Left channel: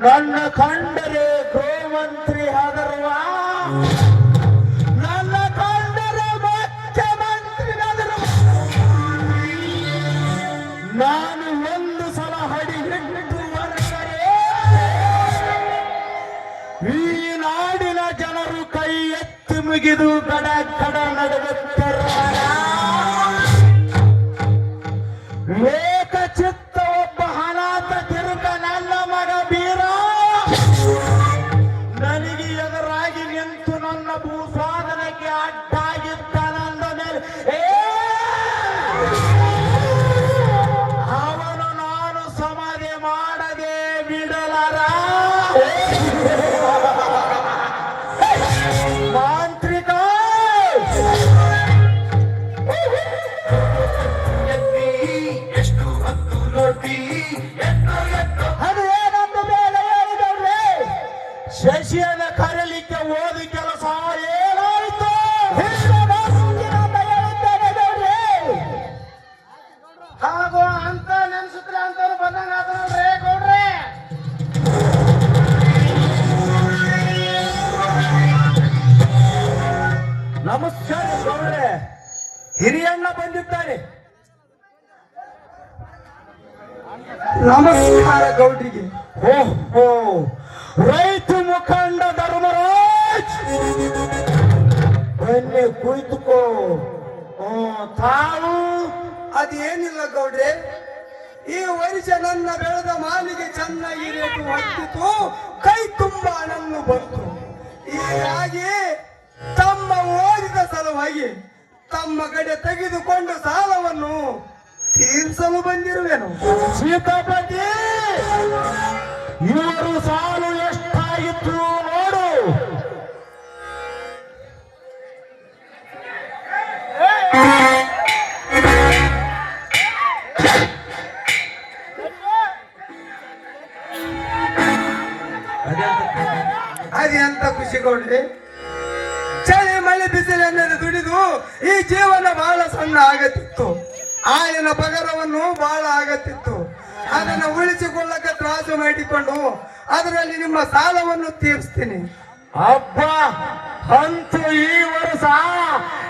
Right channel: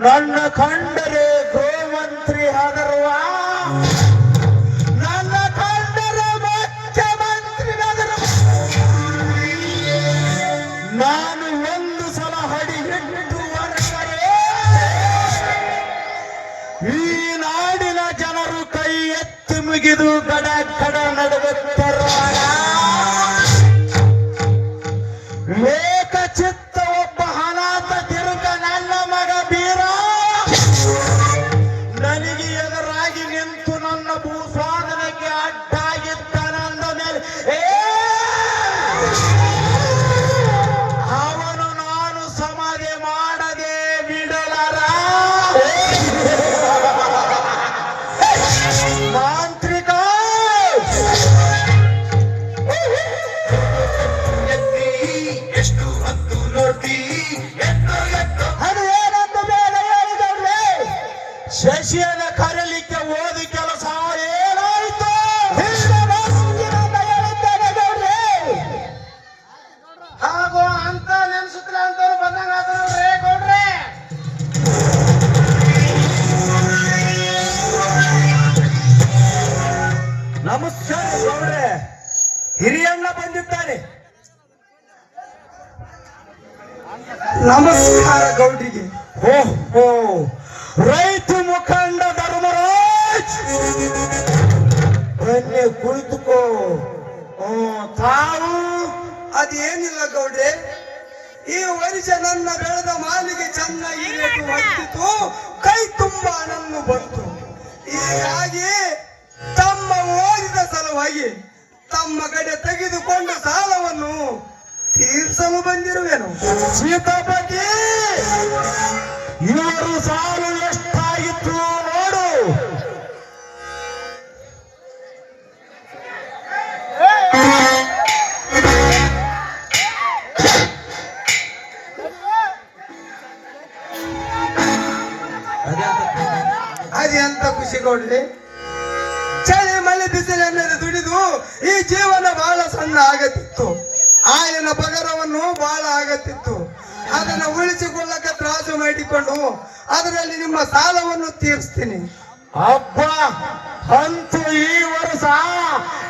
ನನ್ನ ಕಂಡರೆ ಗೃಹಮಂತ್ರಿ ಆದರುವ ನನ್ನ ಕಂಡರೆ ಮುಖ್ಯಮಂತ್ರಿ ನಾನು ಒಂದು ಸಲ ಹಡಿ ಹಿಟ್ಟು ಹೊರಟರೆ. ಈ ನಾಡಿನ ಜನರು ಕೈ ಎತ್ತಿ ಮುಗಿದು ಗಡ ಕಡ ನಡುಗುತ್ತರ ನಮಸ್ಕಾರ ಗೌಡ್ರೆ ಹಿರಿಯಣ್ಣ ಬಂದಿದ್ದಾರೆ. ನಮಸ್ಕಾರ ಗೌಡಿಗೆ ಓಹೋ ರೈತ ಮುಖಂಡ ಧರ್ಮರಾಜ್. ಬನ್ನಿ ಕುಳಿತುಕೋ. ತಾವು ಅದೇನಿಲ್ಲ ಗೌಡ್ರೆ. ಈ ವರ್ಷ ನನ್ನ ಬೆಳೆದ ಮಾಲಿಗೆ ಚೆನ್ನಾಗಿ ರೇಟು ಕೈ ತುಂಬ ಹಣನ್ನು ಬಂತು. ಹೀಗಾಗಿ ತಮ್ಮ ಓದಿದ ಸಲುವಾಗಿ ತಮ್ಮ ಕಡೆ ತೆಗೆದುಕೊಂಡ ಸಾಲವನ್ನು ತೀರ್ಸಲು ಬಂದಿರುವೆನು. ಸೀತಾಪತಿ ಇವರು ಸಾಲು ಎಷ್ಟಾಗಿತ್ತು? ಪಗರವನ್ನು ಬಹಳ ಆಗತ್ತಿತ್ತು. ಅದನ್ನು ಉಳಿಸಿಕೊಳ್ಳಕ್ಕೆ ತ್ರಾಸು ಮಾಡಿಕೊಂಡು ಅದರಲ್ಲಿ ನಿಮ್ಮ ಸಾಲವನ್ನು ತೀರಿಸ್ತೀನಿ. ಹಬ್ಬ ಹಂಚು ಈ ವರ್ಷ.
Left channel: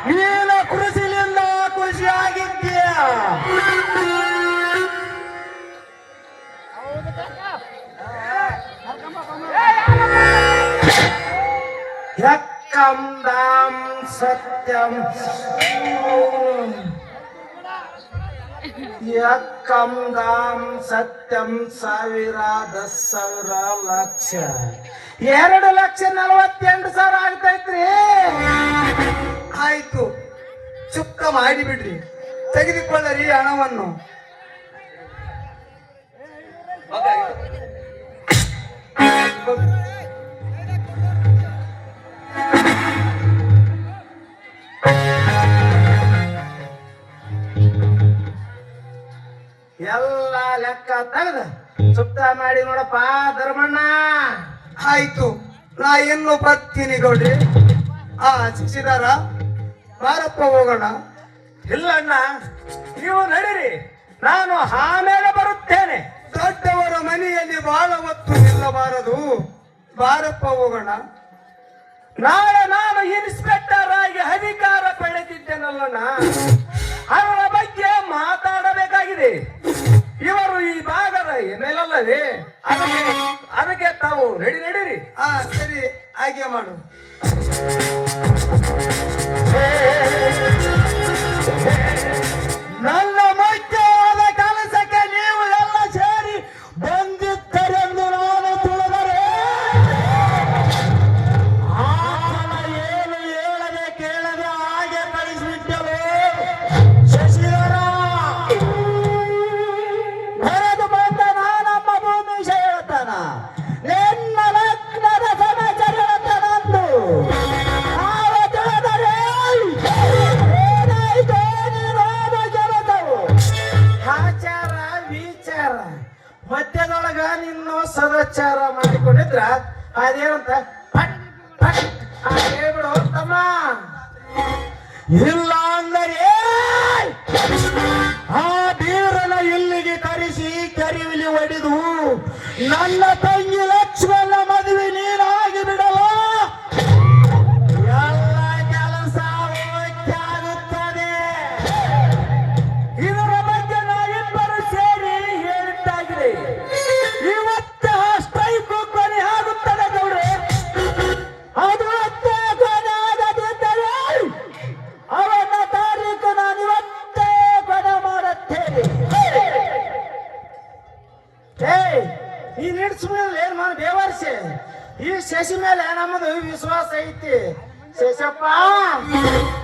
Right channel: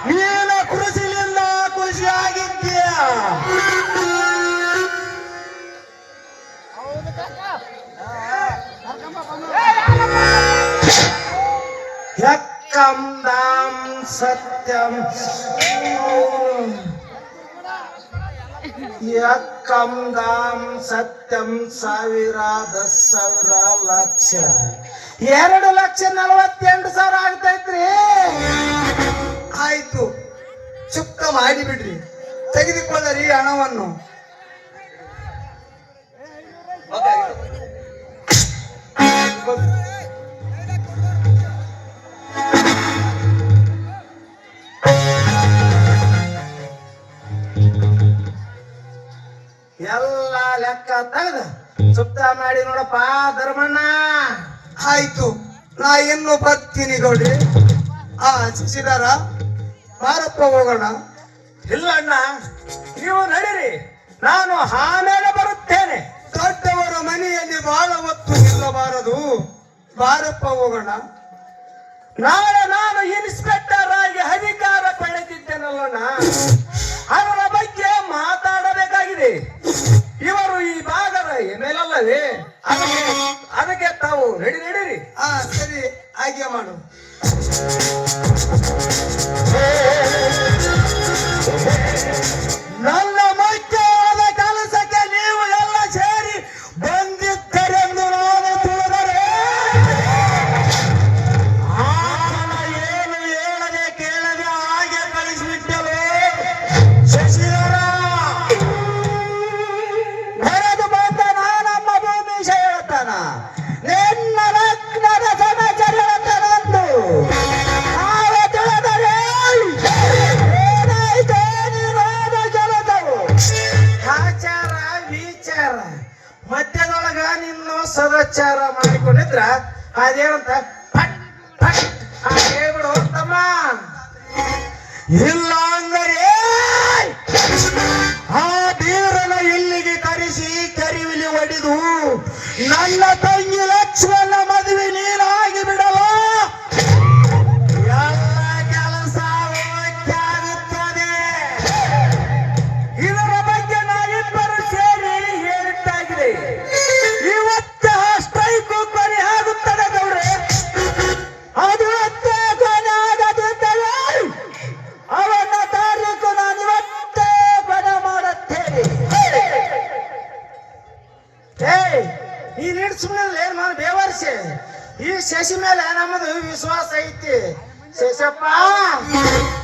ನೀನ ಕೃಷಿಲಿಂದ ಖುಷಿಯಾಗಿದ್ದೀಯ. ಯಕ್ಕಂ ಸತ್ಯಂ. ಯಕ್ಕಂ ದಾಂ ಸತ್ಯಂ ಸಾವಿರ ದಸ್ ಸಾವಿರ ಲಕ್ಷ. ಎರಡು ಲಕ್ಷ ನಲವತ್ತೆಂಟು ಸಾವಿರ ಆಗ್ತೈತ್ರಿ. ಆಯ್ತು, ಚುಕ್ಕ ಮಾಡಿಬಿಡ್ರಿ. ತೆಗೆದುಕೊಳ್ಳರಿ ಹಣವನ್ನು. ತೆಗೆದು. ಸುತ್ತ ಮಾಡಿ ನೋಡಪ್ಪ ಧರ್ಮಣ್ಣ. ಆಯ್ತು. ನಾ ಇನ್ನು ಬರ್ತೀನಿ ಗೌಡ್ರಿ. ಆ ಶಿಶಿದಾರ ಬಾರಪ್ಪ ಹೋಗೋಣ. ಇಲ್ಲ ಅಣ್ಣ ನೀವು ನಡೀರಿ. ನಾನು ಆಮೇಲೆ ಬರುತ್ತೇನೆ. ದೊಡ್ಡವರ ಮನೆಯಲ್ಲಿ ಬಹಳ ಹೊತ್ತು ಇಲ್ಲಬಾರದು. ಬಾರಪ್ಪ ಹೋಗೋಣ. ನಾಳೆ ನಾನು ಇನ್ಸ್ಪೆಕ್ಟರ್ ಆಗಿ ಅಧಿಕಾರ ಪಡೆದಿದ್ದೇನಲ್ಲಣ್ಣ ಅವರ ಬಗ್ಗೆ ಮಾತಾಡಬೇಕಾಗಿದೆ. ಇವರು ಈ ಭಾಗದ ಮೇಲಲ್ಲವೇ ಅದಕ್ಕೆ ಅದಕ್ಕೆ ತಾವು ರೆಡಿ ನಡೀರಿ. ಹಾ ಸರಿ ಹಾಗೆ ಮಾಡು. ಮಾಡಿಕೊಂಡಿದ್ರ ಅದೇನಂತ ಹೇಳ್ಬಿಡು ತಮ್ಮ ಇಲ್ಲ ಅಂದರೆ ಆ ಬೀರನ ಇಲ್ಲಿಗೆ ಕರೆಸಿ ಕೆರಿವಿಲಿ ಒಡೆದು ನನ್ನ ತಂಗಿ ಲಕ್ಷ್ಮಣ ಏಯ್, ನೀನ್ ಇಡ್ಸ್ಬಿಡಲ್ಲ ಏನ್ ಮಾಡಿ ಬೇವರ್ಸಿ? ಈ ಶಶಿ ಮೇಲೆ ನಮ್ಮದು ವಿಶ್ವಾಸ ಐತಿ. ಶಶಪ್ಪ,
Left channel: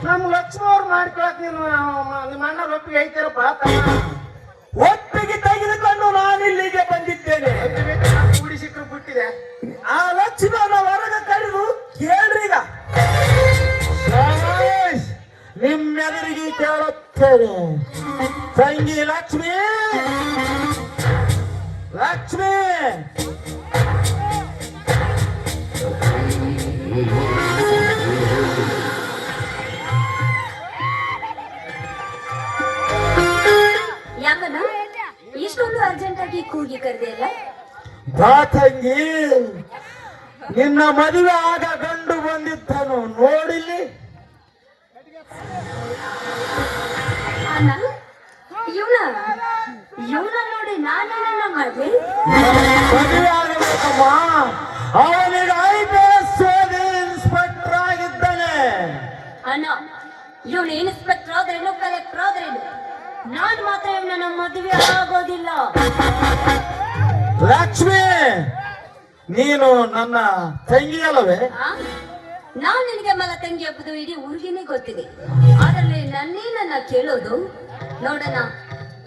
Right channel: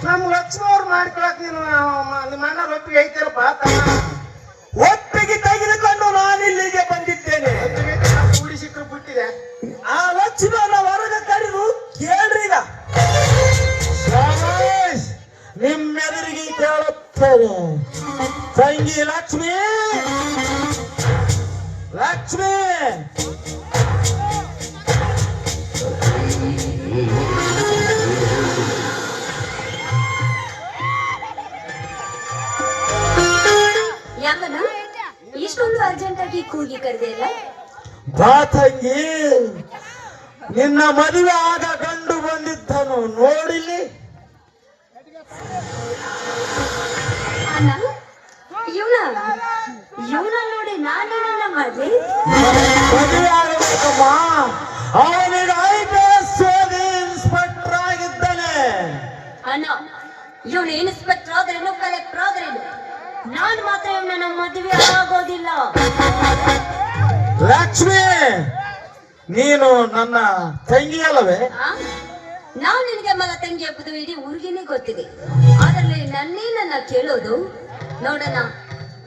ನಮ್ ಲಕ್ಷ್ಮಿ ಅವ್ರು ಮಾಡ್ಕೊಳಕ್ ನೀನು ನಿಮ್ಮ ಅಣ್ಣ ಒಪ್ಪಿಗೆ ಐತಿರಪ್ಪ ಒಪ್ಪಿಗೆ ತೆಗೆದುಕೊಂಡು ನಾನು ಇಲ್ಲಿಗೆ ಬಂದಿದ್ದೇನೆ. ಕುಡಿಸಿಕ್ರು ಬಿಟ್ಟಿದೆ. ಆ ಲಕ್ಷ್ಮಣ ಹೊರಗೆ ಕರೆದು ಕೇಳ್ರಿ ಈಗ! ನಿಮ್ಮೆದುರಿಗೆ ಕೇಳುತ್ತೇನೆ. ತಂಗಿ ಲಕ್ಷ್ಮಿ ಲಕ್ಷ್ಮಿ. ಯಾಕನ ಇಷ್ಟೊಂದು ಅರ್ಜೆಂಟ್ ಆಗಿ ಕೂಗಿ ಕರೆದೆ ಅಲ್ಲ? ಬಾ ತಂಗಿ. ನಿನ್ನ ಮದುವೆ ಆಗ ಗಂಡು ಬಂದಿದ್ದನು ನೋಡಿಲಿ ಅಣ್ಣ ಇವನ ಇವನ ನೋಡಿ ನಾನು ನನ್ನ ಮದುವೆ ಮದುವೆಯಾಗಬೇಕಮ್ಮ ಅವನಿಗೆ ಐ ಪಿ ಎಸ್ ಓದಿ ಇನ್ಸ್ಪೆಕ್ಟರ್ ಆಗಿದ್ದಾನೆ. ಅಣ್ಣ ಇವನು ಇನ್ಸ್ಪೆಕ್ಟರ್ ಆದ್ರೇನು ಕಲೆಕ್ಟರ್ ಆದ್ರೇನು ನಾನು ಮಾತ್ರ ಇವನ ನಮ್ಮ ಮದುವೆ ಆಗೋದಿಲ್ಲ. ಲಕ್ಷ್ಮಿ ನೀನು ನನ್ನ ತಂಗಿ ಅಲ್ಲವೇ? ನಾನ್ ನಿನಗೆ ಮಗ ತಂಗಿ ಒಬ್ಬದು ಇಡೀ ಊರಿಗೆನೆ ಗೊತ್ತಿದೆ. ಅದರಲ್ಲಿ ನನ್ನೇ ನನ್ನ ಕೇಳೋದು? ನೋಡೋಣ.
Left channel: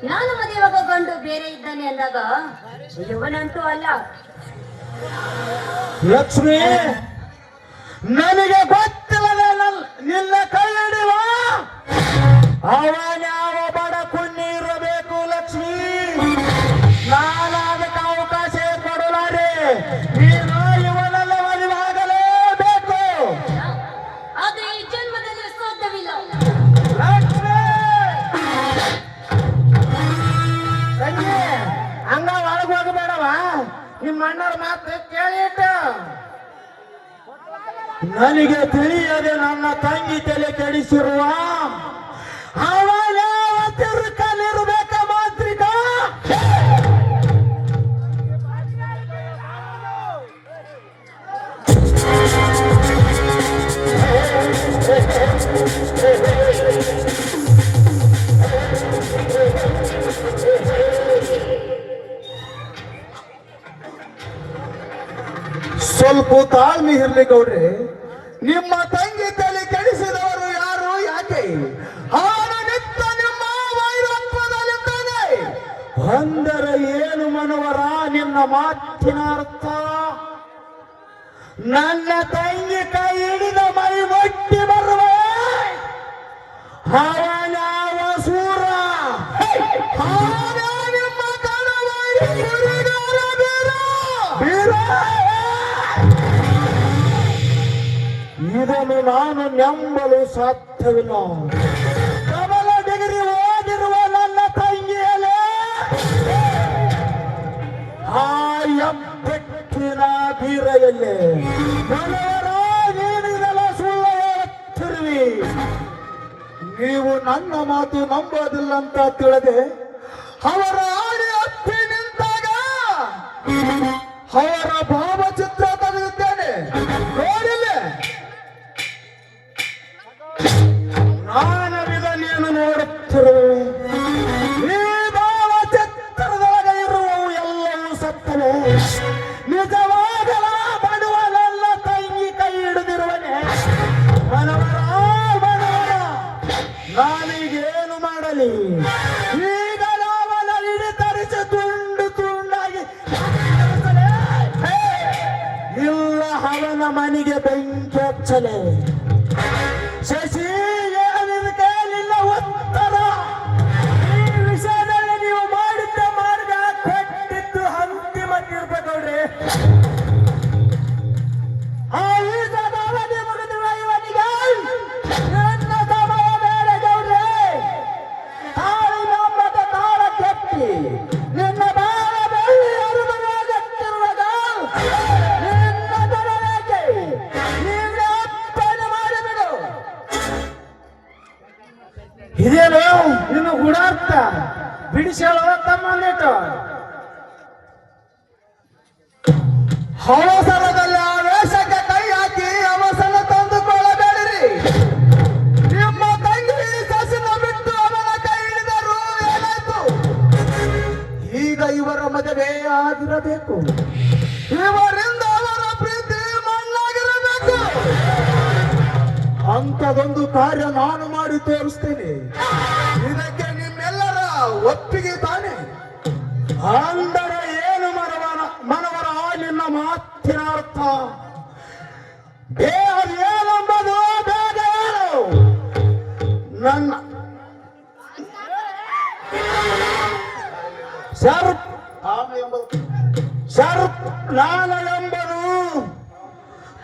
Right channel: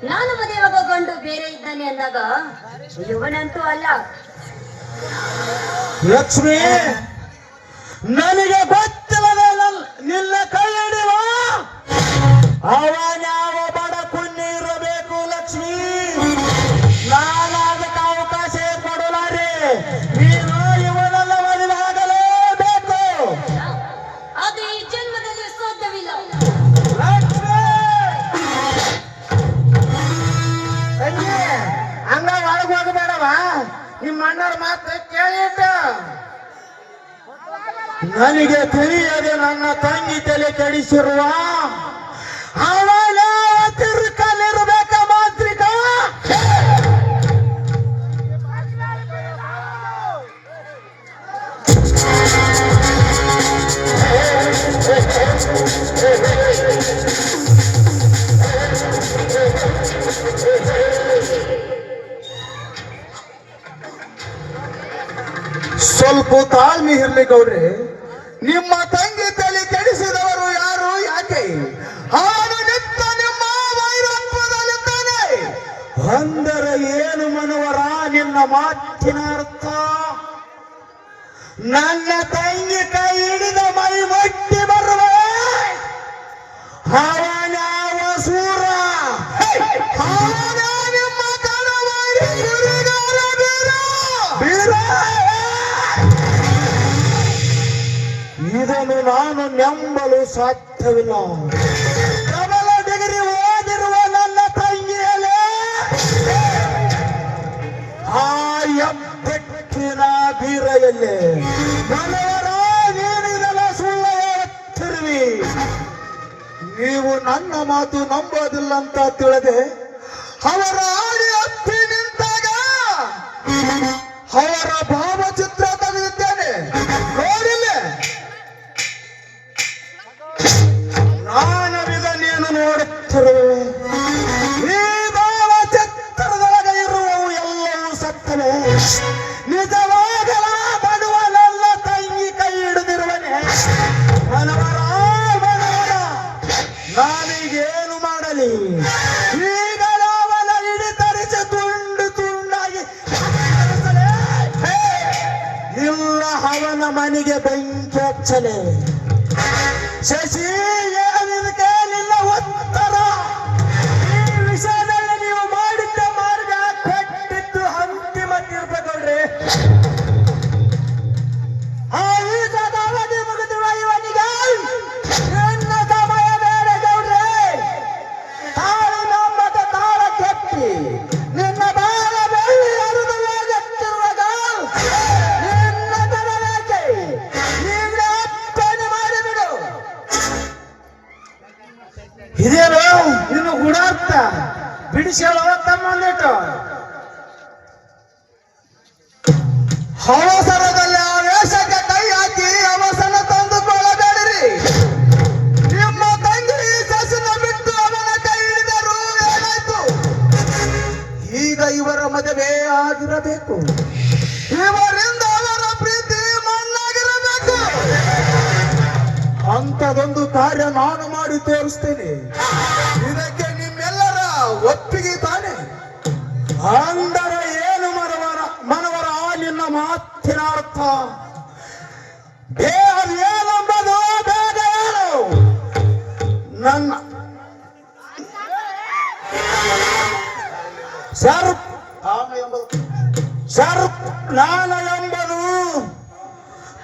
ನಾನು ಮದುವೆಯಾಗ ಗಂಡು ಬೇರೆ ಇದ್ದಾನೆ ಅಂದಾಗ ಇವನಂತೂ ಅಲ್ಲ. ಲಕ್ಷ್ಮಿ ನನಗೆ ಗೊತ್ತಿಲ್ಲದೆ ನಿನ್ನ ಕೈ ಹಿಡಿಯುವ? ನಿಮ್ಮ ಅಣ್ಣರ ಮಾತು ಕೇಳಿಟ್ಟ ನನಗೆ ತಿಳಿಯದೆ ನನ್ನ ತಂಗಿ ತಲೆ ಕೆಡಿಸಿರುವ ಅವನ ತಿರುಕಲಿರ್ಬೇಕ ಮಾಂತ್ರಿಕ. ಸ್ವಲ್ಪ ಇರ್ಲಿ ನಿಮ್ಮ ತಂಗಿ ತಲೆ ಕೆಡಿಸಿದವರು ಯಾರು ಯಾಕೆ? ಅಂದರೆ ಏನು ಮನವರ ನಿನ್ನ ಮಾತಿನ ಅರ್ಥ? ನನ್ನ ತಂಗಿ ಕೈ ಹಿಡಿದ ಸಾಧ್ಯವಿಲ್ಲ. ಕಮಲ ಡಿಗ್ರಿ ಓದಿರುವ ನನ್ನ ತಂಗಿಯಲೇ ಆ ಎಬ್ಬೆಟ್ಟಿನ ಬೀರೆಯಲ್ಲಿ ಮನವರ ನೀನಿದೆಲ್ಲ ಸುಳ್ಳು ಹೇಳುತ್ತಿರುವಿ. ನೀವು ನನ್ನ ಮಾತು ನಂಬೋದಿಲ್ಲ ಅಂತ ತಿಳಿದೆ. ಅವರ ಆಡಿ ಹತ್ತಿ ನಿಂತಾಗ ಅವರ ಭಾವಚಿತ್ರ échale. Sí! ಅವಸರದಲ್ಲಿ ಆ ವೇಷಕ್ಕೆ ಕೈ ಹಾಕಿ ಅವಸನ ತಂದುಕೊಳ್ಳಬೇಡಿರಿ. ನಿಮ್ಮ ಬಿಟ್ಟು ಅವನ ಕೈ ಈಗ ಇವರ ಮದುವೆ ಆಗಿರಬೇಕು. ಇವರಿಂದ ಅವರ ಪ್ರೀತಿ ಅಂತದೊಂದು ಕಾರ್ಯ ನಾನು ಮಾಡಿ ತೋರಿಸ್ತೇನೆ. ಇದಕ್ಕೆ ನಿಮ್ಮೆಲ್ಲರ ಒಪ್ಪಿಗೆ ತಾನೆ. ಸರ್ ಸರ್ ಜ್ಞಾನ ಎಂಬುದು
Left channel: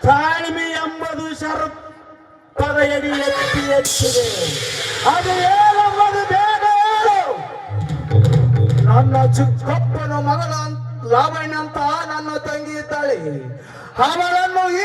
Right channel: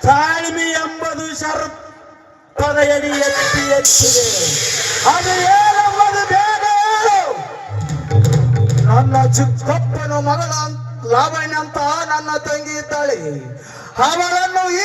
ತಾಳ್ಮೆ ಎಂಬುದು ಶರತ್ ತಡೆಯಡಿ ಎತ್ತಿ ಎತ್ತಿದೆ ಅದು ಏನೆಂಬುದು ಬೇಗ ಹೇಳು ನನ್ನ ಚಿಕ್ಕಪ್ಪನ ಮಗಳ ಲಾವಣ್ಯ ಅಂತ ನನ್ನ ತಂಗಿ ಇದ್ದಾಳೆ ಅವಳನ್ನು ಈ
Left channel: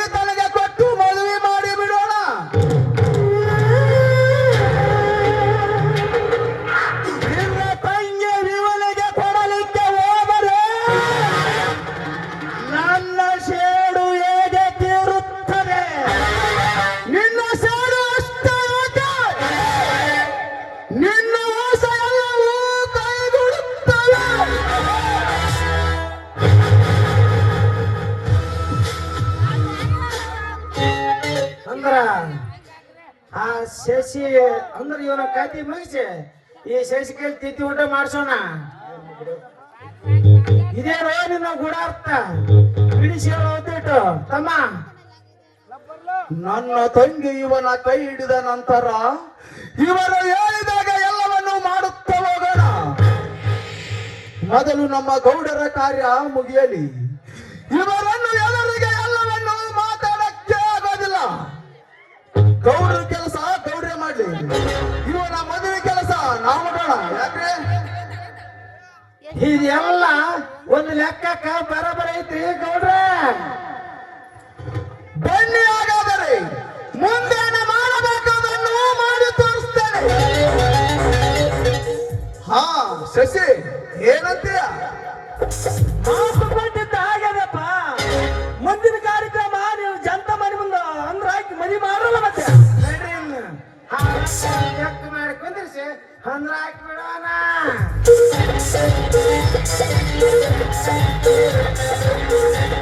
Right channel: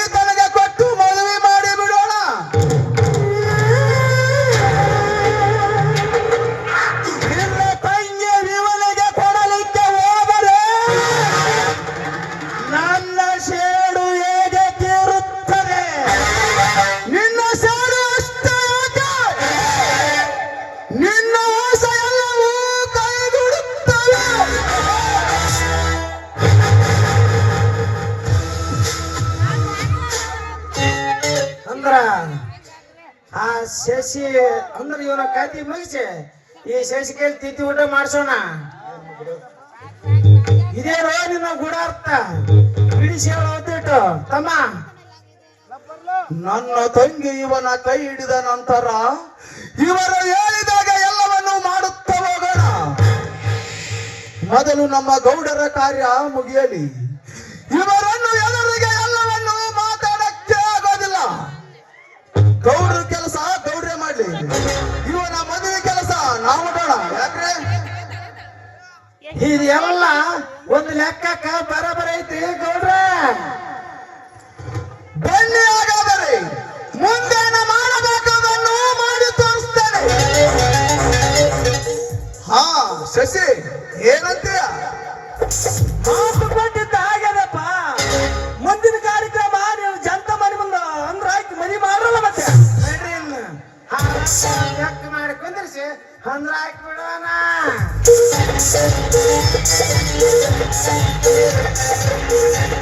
ಶಶಿ ಅಂದ್ರೆ ಇವನ ಕಾತಿ ಮುಗಿಸಿ. ಈ ಶೇಷಿಕೆಯಲ್ಲಿ ತಿತ್ತಿ ಊಟ ಮಾಡಿಸೋಣ. ಇದೇನೋ ನಿನ್ನ ಗುಣಾರ್ಥ. ಬಿಡಿಸಿ ಹೇಳೋದಿಟ್ಟು ತಮ್ಮ. ನನ್ನ ತಂಗಿ ಇವನ ಕೈ ಹಿಡಿದ ನಂತರ ಇವರು ಹೇಳಿದಾಗ ಎಲ್ಲವನ್ನು ಮಾಡುತ್ತಾ ಹೋಗೋಣ ಮೊದಲು ನಮ್ಮ ಗೌಡರ ಕಾರ್ಯ ಮುಗಿಯಲಿ. ಇವರನ್ನು ಇದೆಲ್ಲ ಒಂದು ಲೆಕ್ಕಕ್ಕ ಬರಬರ ಐತಿ ಗೌಡ್ರ? ಬನ್ನಿ ಹಾಗಾದರೆ ಮುಂದೆ ಮಾಡಬೇಕಾದನ್ನು ಮಾಡಿ ತೋರಿಸ್ತೇನೆ. ಹಾ ಶಶಿ ಏನಂತೀಯ? ಮಾತು Thank you.